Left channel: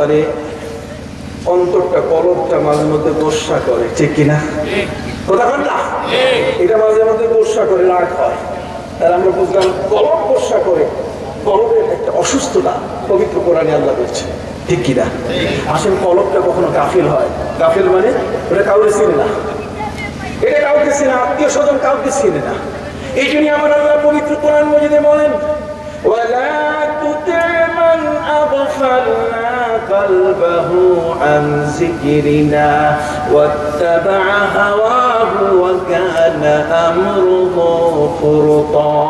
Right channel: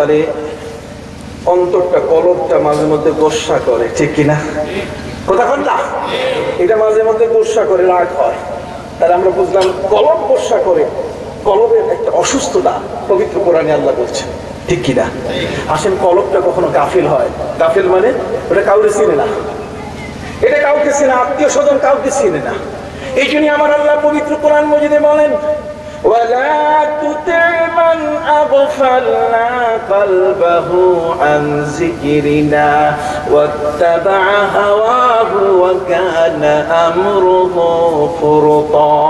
তাহলে অন্তরটা কলবটা মাঝে মধ্যে গোসা করে, ঠিক কিনা? কথা বল না, এটা মাঝে মধ্যে গোসা করে, রাগ হয়। তাহলে আমরা বুঝলাম কলব গোসা করে, কলবের একটা অসুস্থতা পবিত্র কোরআনে আল্লাহ বলছে, ঠিক কিনা? আসেন, কলবটা কখনো গাফিল হয়। গাফিল মানে ওটা কাউকে চিনে না, এটা কাউকে চিনে, আত্মীয় স্বজন কাউকে চিনে না। এই জন্য আমার আল্লাহ পবিত্র কোরআন মজিদে বলেন, وَلَا تُطِعْ مَنْ أَغْفَلْنَا قَلْبَهُ عَنْ ذِكْرِنَا وَاتَّبَعَ هَوَاهُ وَكَانَ أَمْرُهُ فُرُطًا।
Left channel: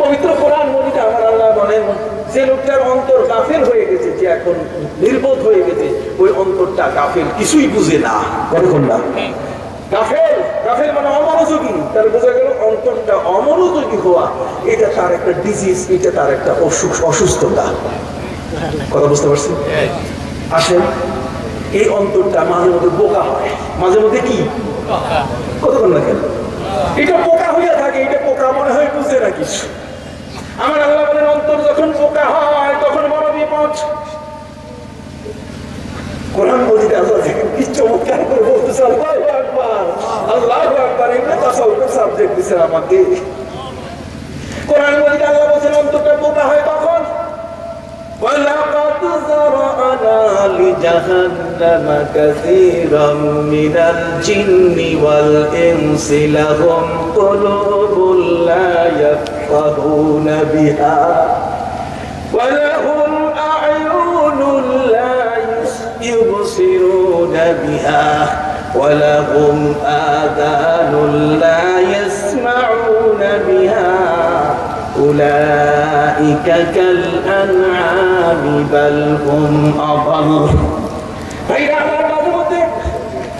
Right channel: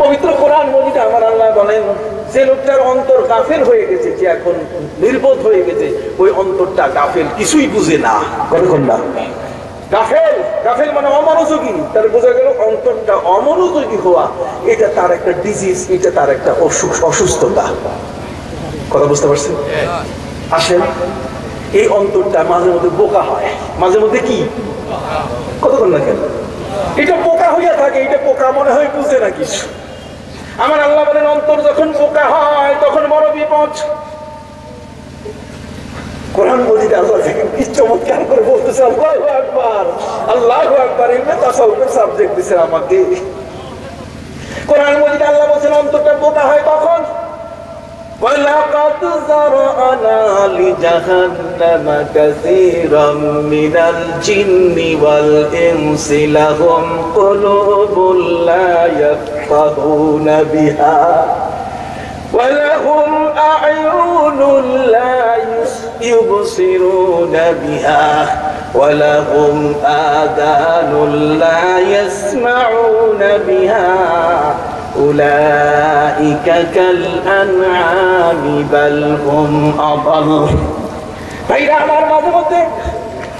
পবিত্র কোরআন মজিদে আমার আল্লাহ বলেন, যে লোকটার অন্তর গাফেল হয়ে গেছে, যে এখন নির্বোধ হয়ে গেছে, ওই অন্তরটা গাফেল, কিছুই বুঝে না। কতক্ষণ না গাফেল, গাফেল মানে অমনোযোগী। তার বোঝা গেল অন্তরটা অমনোযোগী হওয়া, এটা তার একটা ডিজিজ, এটা তার একটা অসুস্থতা। কথা বুঝতে পারছেন? আসেন, এই অন্তরটা মাঝে মধ্যে বোকা হয়, মাঝে মধ্যে কি কতক্ষণ না কেন এটা বোকা হইয়া থাকে, এটা বোকা মনে হয় বুঝে না কিছু। আমার আল্লাহ বলেন, অন্তর যখন বোকা হয় তখন বড় বিপদ। কোরআন মজিদে আল্লাহ কি চমৎকার করে বলতেছে, আল্লাহু আকবার, আল্লাহু আকবার। এমনি তাসাউফের সাবজেক্ট দিয়েছেন আমাকে। কোরআন মজিদে আল্লাহ বলেন অন্তরটা বোকা হয় কখন? وَلَقَدْ ذَرَأْنَا لِجَهَنَّمَ كَثِيرًا مِنَ الْجِنِّ وَالْإِنسِ لَهُمْ قُلُوبٌ لَا يَفْقَهُونَ بِهَا وَلَهُمْ أَعْيُنٌ لَا يُبْصِرُونَ بِهَا وَلَهُمْ آذَانٌ لَا يَسْمَعُونَ بِهَا أُولَئِكَ كَالْأَنْعَامِ بَلْ هُمْ أَضَلُّ। ভাইরা আমার, মাঝে মধ্যে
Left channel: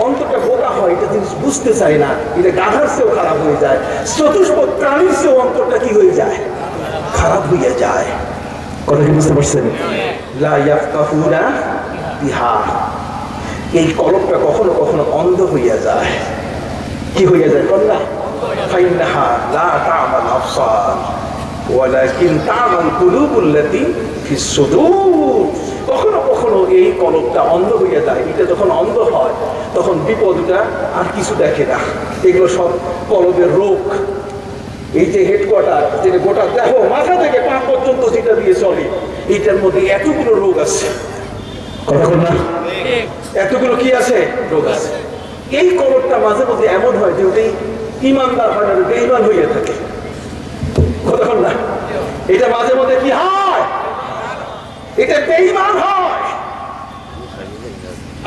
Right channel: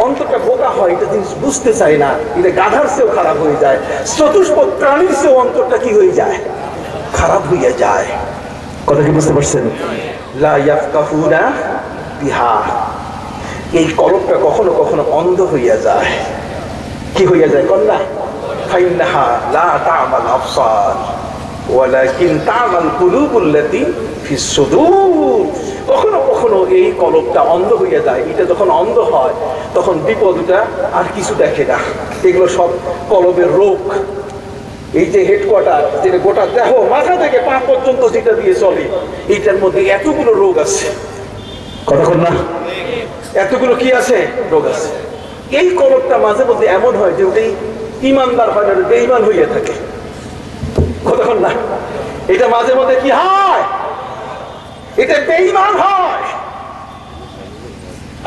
অন্তরটা বোকা হয়, এটা জিনিস বুঝতে চায় না, এটা গাধার চেয়েও খারাপ হয়ে যায়, চতুষ্পদ প্রাণীর চেয়েও অন্তরটা কি হয়ে যায়? খারাপ হয়ে যায়। কথা কি বুঝতে পারছেন? লা ইয়াফকাহুনা বিহা, এই কলবটা কখনো কখনো অন্ধ হইয়া যায়। কি হইয়া যায়? কন্যা ফাইন্নাহা লা তা'মাল আবসার ওয়ালাকিন তা'মাল কুলুবুল্লাতী ফিস সুদূর। কখনো কখনো এই কলবটা অন্ধ হইয়া যায়। এটা যখন অন্ধ হয় তখন বিপদটা আর কিছু দেখে না। এগুলো সব কলবের রোগ। এই যে হেডকোয়ার্টার, যেটা গোটা দেহ মাথা থেকে পা পর্যন্ত যেটা দিয়ে চলে, এইটার মধ্যে এতগুলো রোগ আছে। কতক্ষণ না এতগুলো কি আছে? রোগ আছে। এই কলবটা মাঝে মধ্যে এমন হয় যে ওটাই ইমানদার হয় না, বেঈমান হইয়া থাকে। কতক্ষণ না এটা মাঝে মধ্যে কি হয়? এটা বেঈমান হয়।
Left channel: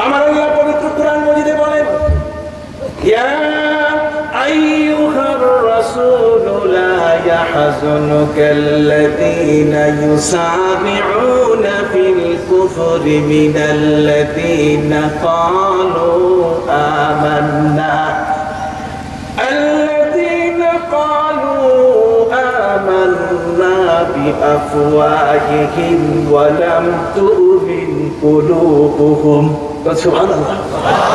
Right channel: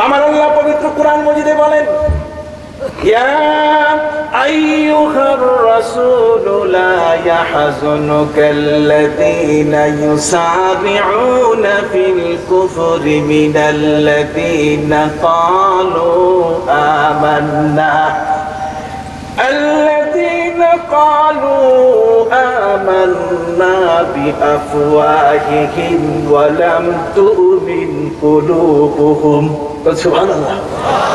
আমার আল্লাহ পবিত্র কোরআন মজিদে বলেন, ইয়া আইয়ুহার রাসূলু লা ইয়াহযুনুকাল্লাযীনা ইউসাবিউনা ফিল কুফরি মিনাল্লাযীনা ক্বালু আমান্না আল্লাযীনা ক্বালু আমান্না বিআফওয়াহিহিম ওয়া লাম তু'মিন কুলুবুহুম। সুবহানাল্লাহ।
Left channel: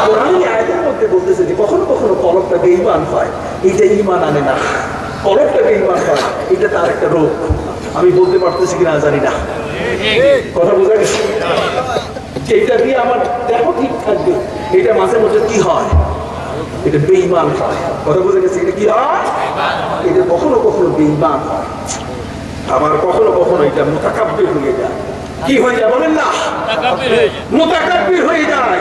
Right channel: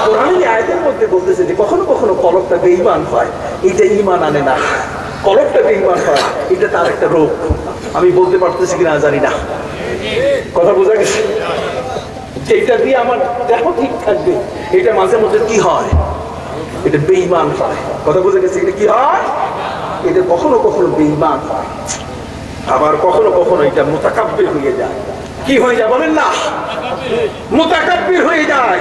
কোরআনের আয়াতের মধ্যে বলতেছে যে কখনো কখনো কলবটা বেঈমান হয়, এটা ঈমান আনে না। কলবটা বেঈমান হয়, এটা তার একটা রোগ। আমি বলতে পারতেছি কিনা জানি না, কথা বোঝা গেছে? এইটা দিয়ে আমার দেহ ঠিক থাকবে, এটা মাঝে মধ্যে কি হয়? এটা বেঈমান হয়। কথা বোঝা গেছে? এটা কি হয়? এটা কখনো কখনো বেঈমান হয়, আবার কখনো কখনো এটা মুতাকাব্বির হয়ে যায়। কি হয়ে যায় বলেন না? মুতাকাব্বির হয়ে যায়।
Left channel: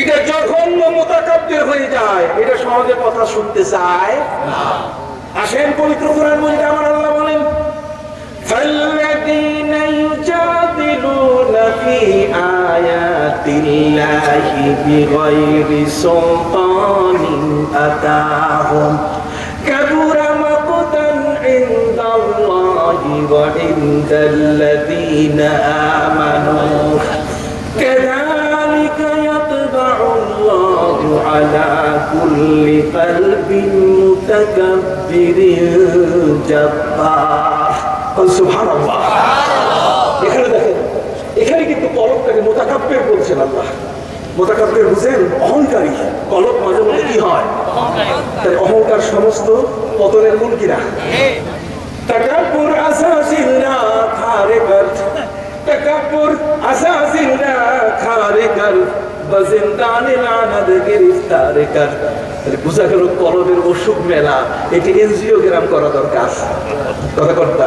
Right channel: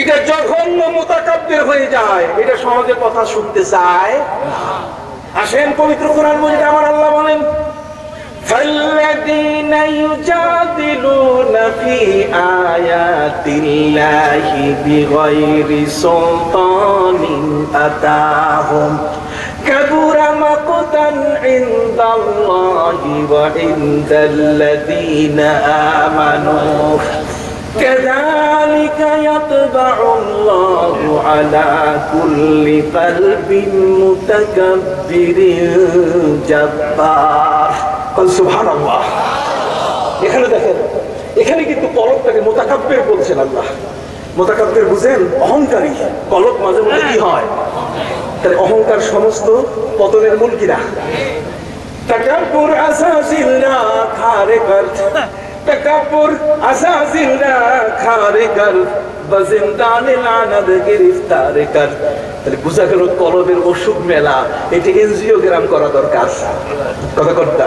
এটা জঘন্য মুতাকাব্বির হয়ে যায়, এটা সহজে কথা শুনতে চায় না। আসেন, পবিত্র কোরআন মজিদে আমার আল্লাহ বলেন, فَالَّذِينَ يُجَادِلُونَ فِي آيَاتِ اللَّهِ بِغَيْرِ سُلْطَانٍ أَتَاهُمْ كَبُرَ مَقْتًا عِندَ اللَّهِ وَعِندَ الَّذِينَ آمَنُوا كَذَلِكَ يَطْبَعُ اللَّهُ عَلَى كُلِّ قَلْبٍ مُتَكَبِّرٍ جَبَّارٍ। সুবহানাল্লাহ। এখানে দেখেন, এখানে কিন্তু কলবটাকে মুতাকাব্বির বলছেন আল্লাহ। মুতাকাব্বির বুঝেন? অহংকারী। কলব মাঝে মধ্যে কি হয়? তাহলে অহংকার সমস্ত পতনের মূল কিনা? তাকাব্বুর আসাসিল্লাহ খারিকাত তাকাব্বুর আসাসিল না খারে কর বাজিন্দানে লানাত গ্রেফতার কর। তাহলে বোঝা গেল কলবের অসুখ মেলা, এটি এনজিওগ্রাম করা দরকার। কথা কর্তা,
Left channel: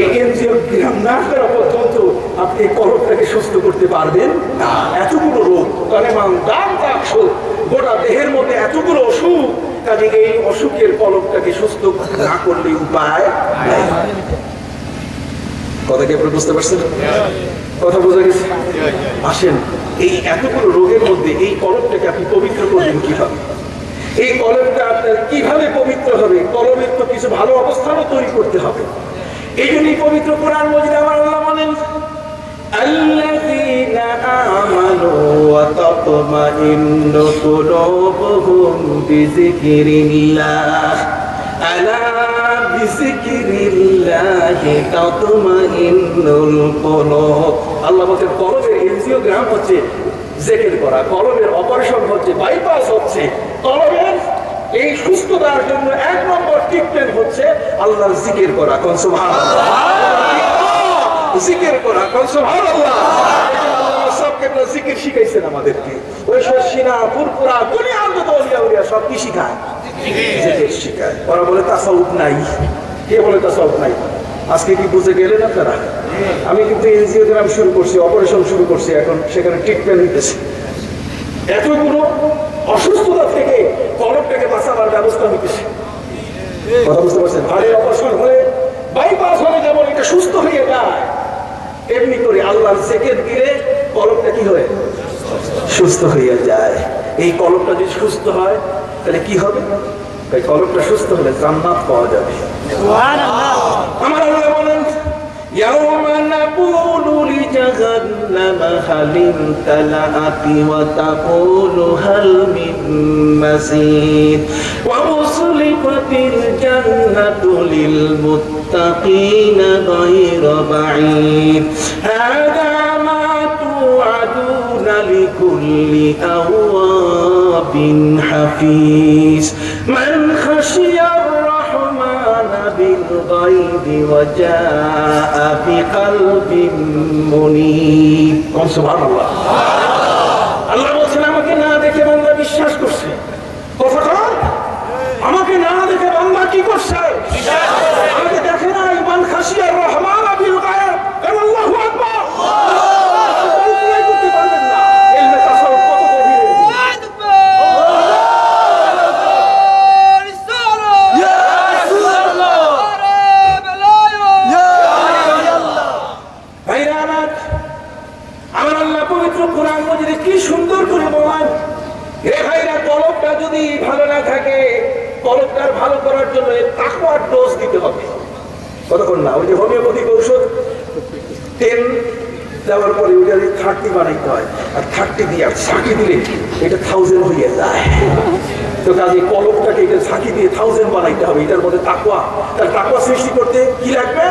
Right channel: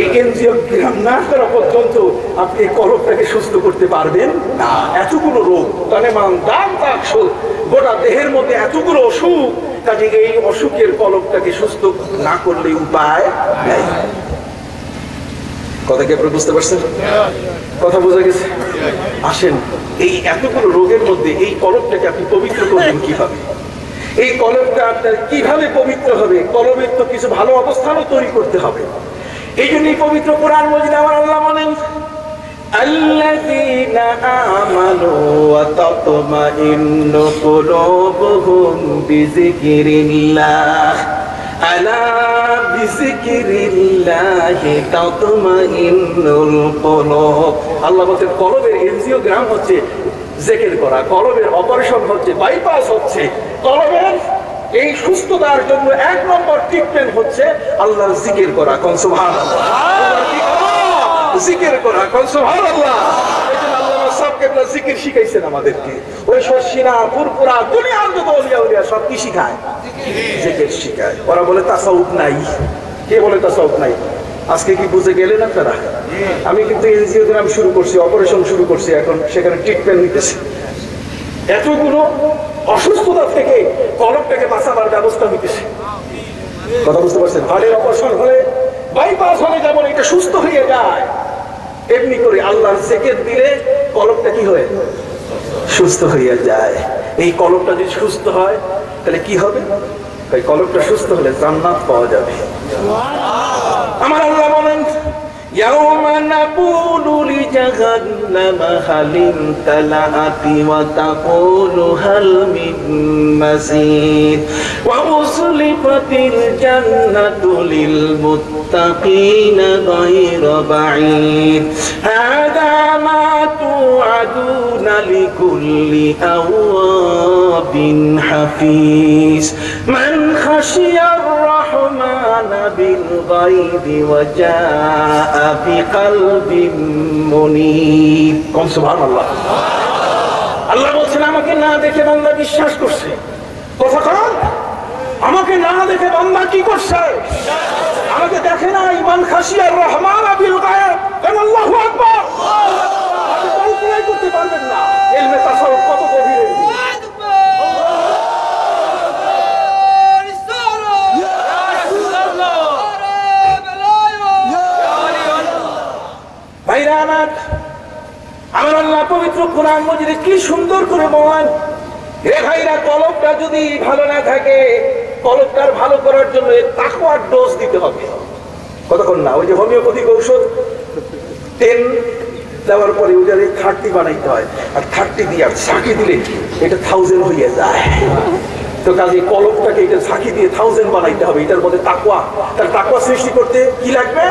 এই এনজিওগ্রাম না করা পর্যন্ত আপনি এই কলবটাকে সুস্থ করতে পারবেন না। এতগুলো রোগ, কালেমান দাম দাক্ষর, গোটা দেহের মধ্যে এতগুলো অসুখ, কাজে এই অসুখের কলবটাকে সুস্থ না করলে উপায় নাই। কথা কি আপনি বুঝতে পারছেন? কথা বোঝা গেছে? আসেন, এই এতগুলো রোগের মধ্যে এই কলবটাকে আপনি পবিত্র করবেন কিভাবে? এই কলবটা আপনার কিভাবে পবিত্র হবে? কলবের তো কিছু ভালো অবস্থানও তৈরি করতে হবে। এই জন্যই পবিত্র কোরআন মাজিদে আমার আল্লাহ বলেন, আল্লাযীনা আমানু ওয়া তাতমাইন্নু কুলুবুহুম বিযিকরিল্লাহ আলা বিযিকরিল্লাহি তাতমাইন্নুল কুলুব। আল্লাহ বলেন কলবের এনজিওগ্রাম হচ্ছে জিকির করা, কলবের অপারেশন হচ্ছে, বাইপাস হচ্ছে। কলবের এই সুস্থতার জন্য এক নম্বর ট্রিটমেন্ট হচ্ছে আল্লাহর জিকির করা। কোন সুবহানাল্লাহ, জিকির করা। কোন সুবহানাল্লাহ। আল্লাহ সবকে জিকির শিখাইছেন আমাদেরকে। ওই শর্ষিনা ফুরফুরা দুনিয়ার যত ওলিয়া উলিয়া সব কি শিখায়? জিকির শিখায়। ওরা বলে তাসাউফ নাই। কে বলে তাসাউফ নাই? আজকে কি বুঝে গেলেন আপনারা? আমি কিন্তু এনজিওগ্রাম শুরু করছি, অপারেশন শুরু করছি, এখন সেখানে ট্রিটমেন্ট নিতেছি। এতগুলো অসুস্থতা থেকে কলবটাকে বাঁচাবার ব্যবস্থা নিতেছি। কথা বুঝতে পারছেন? হাড়ের অপারেশন হলে, বাইপাস হলে যেমন এটা সুস্থ হয়ে যায়, এমনি করে আল্লাহর জিকির দিলে কলবটা কি হয়? সুস্থ হয়ে যায়। এই কলবটা যদি সুস্থ হয় তাহলে কি হবে? তাই কলবটা সুস্থ হলে জান্নাত পাওয়া যাবে। আমার আল্লাহ বলেন, ইয়াউমা নাকুলু লিজাহান্নামা হাল ইমতালাআতি ওয়া তাকুলু হাল মিন মাসিদ ওয়া উসলিফাতিল জান্নাতু লিল মুত্তাকিনা গায়রা বাঈদ হাদা মা তুআদুনা লিকুল্লি আওয়াবিন হাফিজ মান খাশিয়ার রাহমানা বিল গায়বি ওয়া জাআ বিকলবিন মুনীব। কোন সুবহানাল্লাহ। আল্লাহ বলেন আমাকে না দেখে বান্দা বিশ্বাস করছে। কথা কর, আমাকে না দেখে বান্দা কি করছে? আমাকে দেখে না। মান খাশিয়ার রহমান বিল গায়ব। আল্লাহু আকবার। কল্পনা করতে পারবেন না ইলমে তাসাউফ কত গভীর। ভাইরা আমার, আমার আল্লাহ পবিত্র কোরআন মাজিদে কি সুন্দর করে বলেন, হে ভাইরা, কলবটা যদি ভালো না থাকে, কলবটার ভালো করার জন্য তাকওয়ার ডোজ দিতে হবে। কতক্ষণ না, ওই যে হোমিওপ্যাথিক ঔষধ 10 দেওয়ার পরে ওইটা 30 বানাইতে হয়, আর 30 দিয়ে ছাঁকি দিলে এটা 1000 হয়ে যায়। তো কাজে কলবটাকে এটা ছাঁকি দিয়ে 1000 বানাইতে হবে। এটার মধ্যে তাকওয়া, তার তাকওয়া সৃষ্টি করতে কি লাগবে?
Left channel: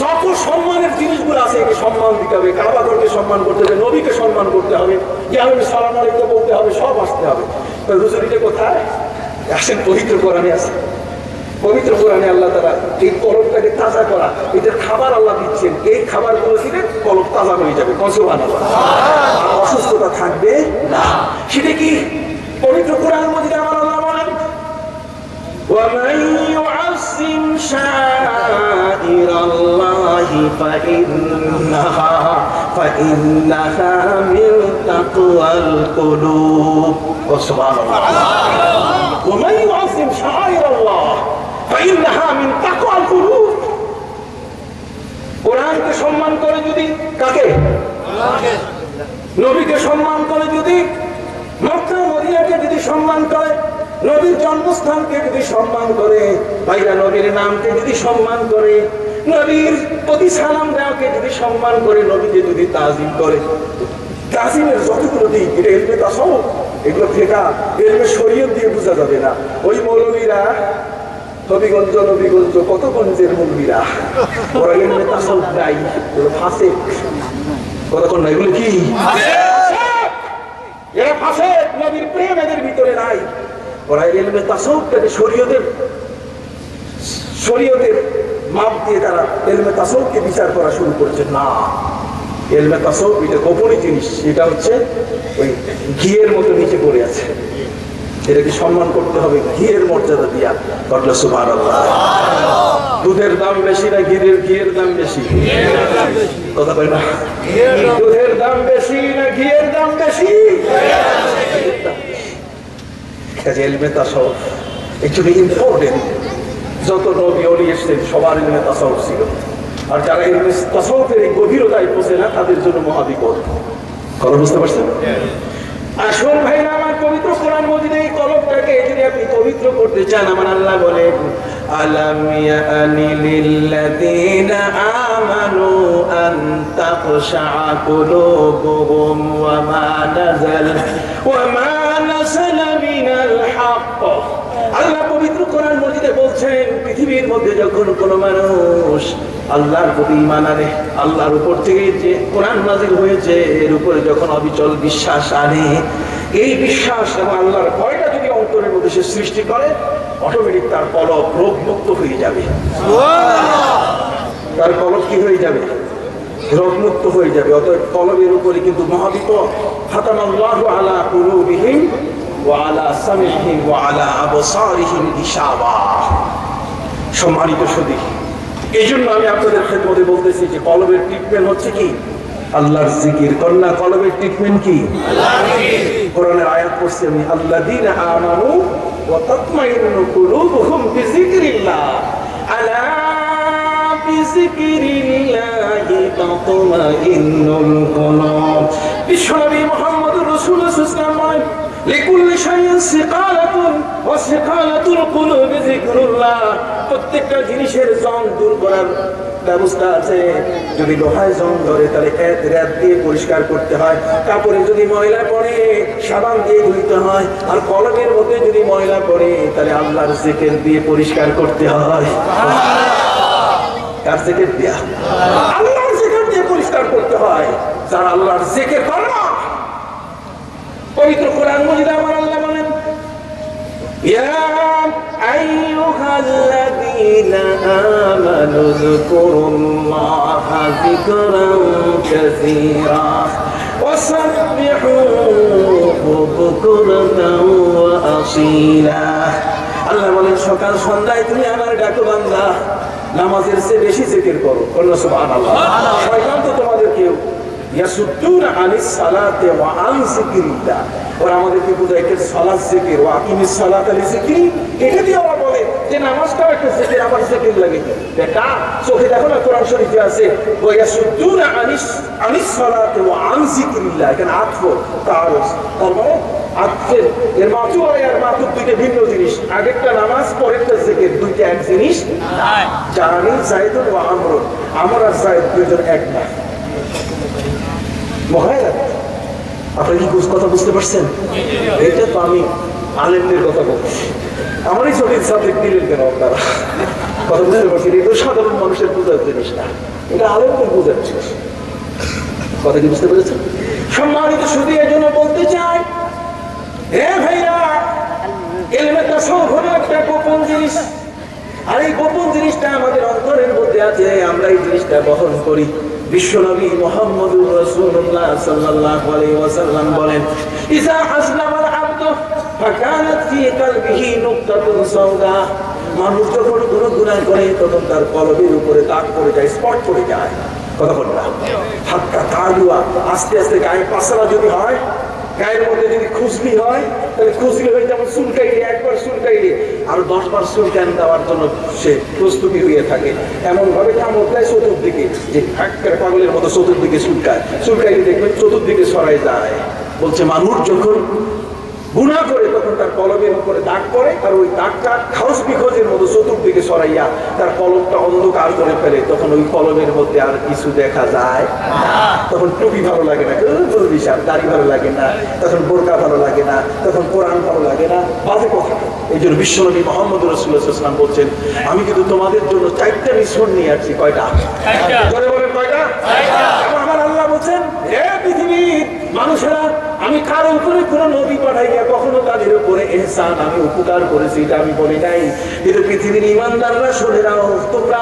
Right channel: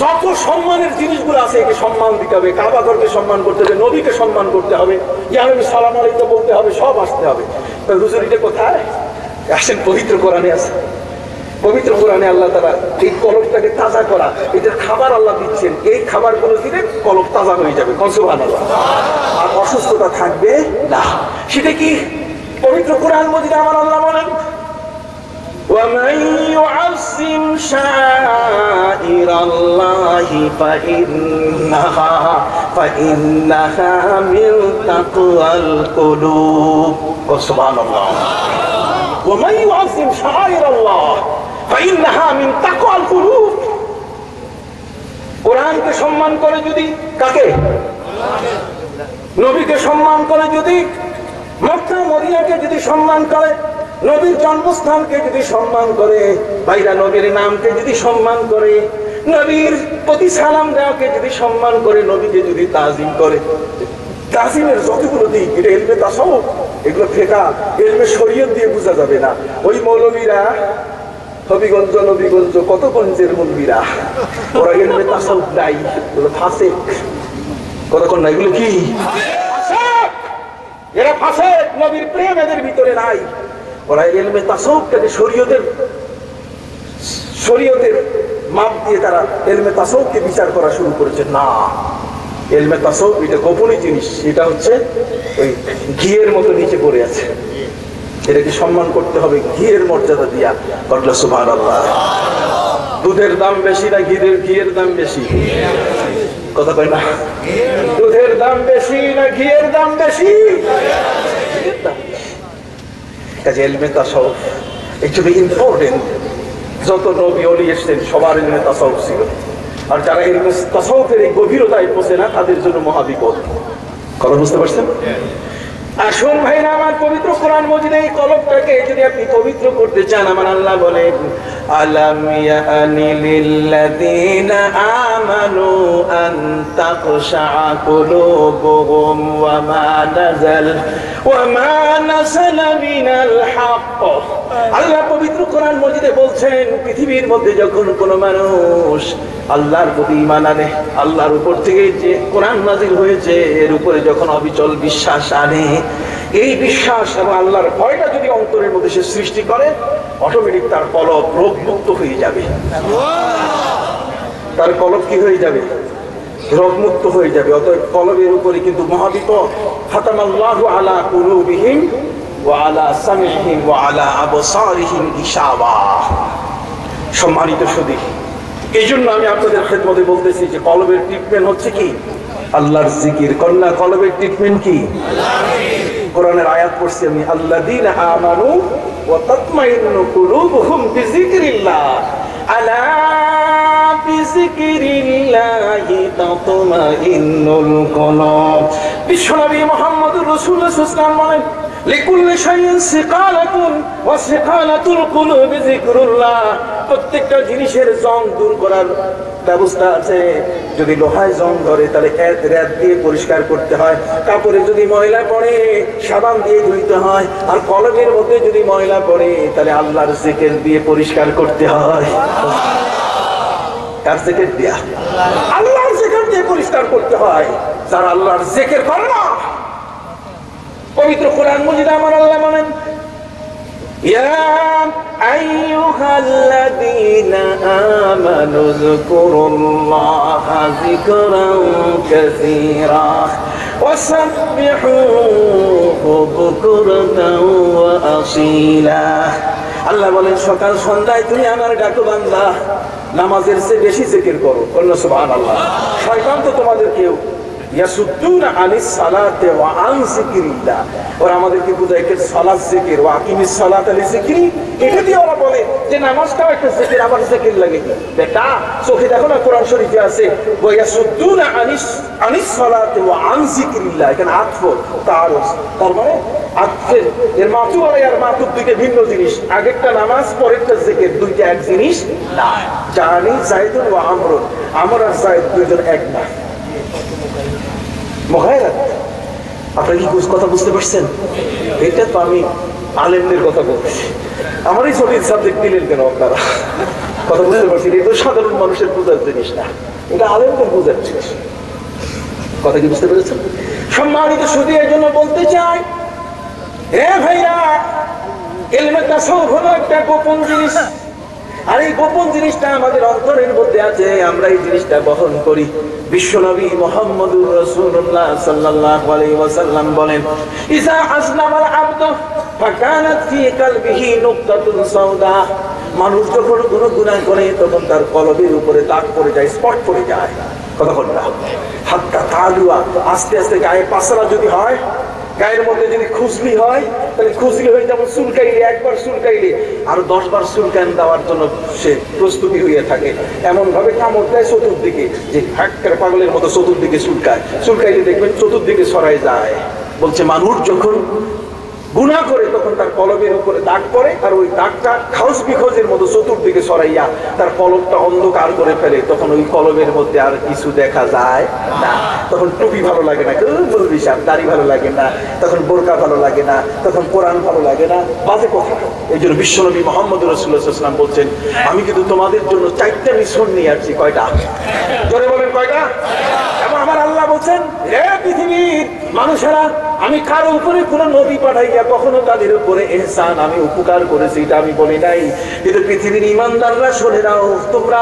যত সম্মানের জিনিসগুলো আছে একে সম্মান দিতে হবে। কাবা ঘরকে সম্মান করতে হবে, নবীকে সম্মান করতে হবে, ইয়ারবি সালাম আলাইকুম বলতে হবে, সব আসতে হবে। তো হুজুর এটা কোথায়? আসেন, পবিত্র কোরআনে আছে। পবিত্র কোরআনে আল্লাহ তাআলা এই কলবটাকে তাজা করা, এটার খাবার আল্লাহ দিচ্ছেন। এই খাবারগুলো দিলে কলব তাজা হয়ে যাবে। সুবহানাল্লাহ। আর অসুস্থতা থাকবে না। সেটা কি? পবিত্র কোরআন মাজিদে আমার আল্লাহ বলেন, وَمَن يُعَظِّمْ شَعَائِرَ اللَّهِ فَإِنَّهَا مِن تَقْوَى الْقُلُوبِ। সুবহানাল্লাহ। وَمَن يُعَظِّمْ شَعَائِرَ اللَّهِ فَإِنَّهَا مِن تَقْوَى الْقُلُوبِ। কোরআনকে সম্মান করে যদি, কাকে? নবীকে সম্মান করে যদি, মক্কা মদিনাকে যদি সম্মান করে, নবীর জন্মস্থানকে যদি সম্মান করে, ভাইরা নবীর নামকে যদি সম্মান করে, নবীর প্রতি সালাম দেওয়াকে যদি সম্মান করে, নবীকে যদি তাজিম করে, তাজিমের যতগুলো দিক, এটা ইলমে তাসাউফ, এগুলো ফেকা ইলমে শরীয়ত দিয়ে বোঝা যাবে না। ওই মৌলবীরা হবিগঞ্জ নবীগঞ্জ কত গঞ্জের মৌলবীরা, ওরা ইলমে তাসাউফ নাই, এগুলো ফাসিক। কতক্ষণ না, এগুলো কি? এরা ফাসিক। নবীর প্রেম এদের ভিতরে নাই। ওরা ইলমে তাসাউফটাকে শরীয়তের মাপ দিয়ে তারা ইলমে তাসাউফকে বিচার করা শুরু করেছে। না, ইলমে তাসাউফ এটা গোপনীয় জিনিস, এটা হচ্ছে ওই ঘিয়ের মতো নিচে পড়ে আছে, এটাকে সম্মান করতে হবে ঘিয়ের মর্যাদা দিয়া। বললো সুবহানাল্লাহ। দুধের দাম বেশি না ঘিয়ের দাম বেশি? কথা কয় না? দুধের দাম বেশি না ঘিয়ের দাম বেশি? কাজে ইলমে তাসাউফ একচুয়ালি ইম্পর্টেন্ট। যত নবী ওলি এসেছেন সবার ইলমে তাসাউফ ছিল, আর যারা ইলমে তাসাউফের এই গভীরতায় পৌঁছে না তাদের জন্য মহাবিপদ। কথা বুঝতে পারছেন? আসল ভাইরা আমার, পবিত্র কোরআন মজিদে এই কলবটাকে যদি আপনি পবিত্র করতে চান, আমার আল্লাহ বলেন আলাম ইয়ানি লিল্লাযীনা আমানু আন তাখশা কুলুবুহুম ওয়া মা নাযালা মিনাল হক। আল্লাহ পবিত্র কোরআন মজিদে বলছেন, পৃথিবীর মধ্যে যখন কোনো মানুষ আল্লাহর প্রতি ঈমান আনে, আল্লাহর উপর থেকে যে কোরআন নাযিল হয়েছে এর উপরে যখন অবিচল বিশ্বাস আনে, এই বিশ্বাস এবং আল্লাহর ভয়টা যদি অন্তরের মধ্যে সে সৃষ্টি করে, অটোমেটিক তার কলব রোগমুক্ত হয়ে যাবে। তার কলব কি হয়ে যাবে? রোগমুক্ত হয়ে যাবে। অতএব কলবের উপরে কিন্তু মহাবিপদ। খাতামাল্লাহু আলা কুলুবিহিম ওয়া আলা সামিহিম ওয়া আলা আবসারিহিম গিশাওয়া। সম্মানিত সুধী, এই জন্য আমি আপনাদের খেদমতে বলতেছি যে কলবের ট্রিটমেন্ট হচ্ছে কি? আল্লাহর জিকির। কন্যা কলবের ট্রিটমেন্ট কি? কোরআনের আয়াত পড়ছি আমি, আল্লাযীনা আমানু ওয়া তাতমাইন্নু কুলুবুহুম বিযিকরিল্লাহ, আলা বিযিকরিল্লাহি তাতমাইন্নুল কুলুব। বিশ্বনবী মুহাম্মদুর রাসূলুল্লাহ সাল্লাল্লাহু আলাইহি ওয়াসাল্লাম বলেন, লিকুল্লি শাইইন সিকালাতুন ওয়া সিকালাতুল কুলুবি যিকরুল্লাহ। প্রত্যেকটা জিনিসের জং দূর করার ব্যবস্থা আছে। যদি লোহায় জং ধরে তাহলে রাত দিয়ে পরিষ্কার করতে হয়, কাপড়ে যদি ময়লা পড়ে সাবান দিয়ে ধুইতে হয়, আর কলমের মধ্যে যদি ময়লা পড়ে তাহলে আল্লাহর জিকির দিয়ে পরিষ্কার করতে হয়। কার জিকির দিয়া? আল্লাহর জিকির দিয়ে পরিষ্কার করতে হয়। যারা আল্লাহর জিকির করে না, পবিত্র কোরআন মজিদে আমার আল্লাহ বলেন, ইয়া আইয়ুহাল্লাযীনা আমানু যকুরুল্লাহা যিকরান কাসীরা ওয়াসাব্বিহুহু বুকরাতান ওয়া আসীলা। আল্লাহ বলেন, সকাল সন্ধ্যায় তুমি আমার ডাকো বান্দা, নামাজের চেয়ে বেশি জিকির করো। সুবহানাল্লাহ। শয়তান তো তোমাদের কেউ ইয়াসুদ্দুনা আনিস সালাতি ওয়া আন যিকরিল্লাহ, ওরা আমাদেরকে বুঝায় যে সালাত জিকির, ওয়া আকিমিস সালাতা লিযিকরি। এটা দিয়ে ওরা বলে যে নামাজটাও একটা জিকির, আবার জিকির লাগে। বেটা চোখে দেখো না, কোরআন শরীফে আছে ওয়া ইয়াসুদ্দুনা আনিস সালাতি ওয়া আন যিকরিল্লাহ। এখানে আতফ তাআরুজ, তার মানে আতফের এর মাতুব আর মাতুব দুইটা ভিন্ন জিনিস। আগেরটা নামাজ, পরেরটা জিকির, দুইটা এক জিনিস না। জানি যায়েদুন ওয়া আমরুন, আমর আর যায়েদ দুইজন এক না। আপনারা কি কথা বুঝতে পারছেন? এটা তো আমি আলেমদের কথা বলছি, আমারই ছবির সাবজেক্ট দিলেন কেন আপনারা? কথা বুঝতে পারছেন? এটা সাধারণ মানুষের বোঝার জিনিস না, এটা আলেমদের বোঝার জিনিস। কথা কি বুঝতে পেরেছেন? সম্মানিত শুধু এই জন্য বলতে চাই, হে ভাইরা, ইলমে তাসাউফ হলো একটা গোপন জিনিস, আর এই গোপন জিনিসটা আমাদের অন্তরের মধ্যে আছে, আমরা এই জিনিসটা বহন করি। বিশ্বনবী মুহাম্মদুর রাসূলুল্লাহ সাল্লাল্লাহু আলাইহি ওয়াসাল্লাম বলেন, ইযা আসলামাল আবদু ফাকানাত ফি কলবিহি নুকতাতুন সাওদা। মানুষ যখন কোনো গুনাহ করে তখন তার কলবের উপরে দাগ পড়ে যায়, স্পট পড়ে যায়। কথা বল না? হাত্তা তালুয়া, আস্তে আস্তে গায়ে পাসরা যদি হয়, গায়ের মধ্যে যদি খুজলি হয়, তাহলে খুজলি হয়ে যেমন চুলকাইলে, একবার চুলকাইলে আরো 10 বার চুলকান দেওয়ার জন্য সে প্রস্তুতি হয়ে থাকে। এমন ভাবে কামড় দেয় চতুর্দিকে, যে হাক্কার পাগলের মতো চতুর্দিকে চুলকায়, চুলকাইলে দেখবেন চতুর্দিকে ছড়াই যায়। বলছে মানুষ যখন গুনাহ করে তখন তার কলবের উপরে দাগ পড়ে, আর ওই দাগটা খাউস বিখোজের মতো চতুর্দিকে ছড়াইয়া তার কলবটা অন্ধকার করে ফেলে। তখন ওই কলবের মধ্যে আর কিছু দেখা যায় না। তখন টুপি ভালো লাগে না, দাড়ি ভালো লাগে না, তখন বোরকা ভালো লাগে না, তখন কোরআন ভালো লাগে না, বাজে কথা। এই জন্য বিশ্বনবী মুহাম্মদ রাসূলুল্লাহ সাল্লাল্লাহু আলাইহি ওয়াসাল্লাম বলছেন, আমি কিন্তু তোমাদের জন্য 4টা মিশন নিয়ে আসছি। কয়টা? জোরে বলেন কয়টা? এবং আমার আল্লাহ বলছেন, হে পৃথিবীর মানুষেরা, আমি কারো উপরে কোনো নবী পাঠাইয়া কখনো তাদের উপরে ইহসান, আমি উপকার করেছি এটা আমি বলি নাই। কিন্তু পৃথিবীর ঈমানদাররা শুনে নাও, তোমরা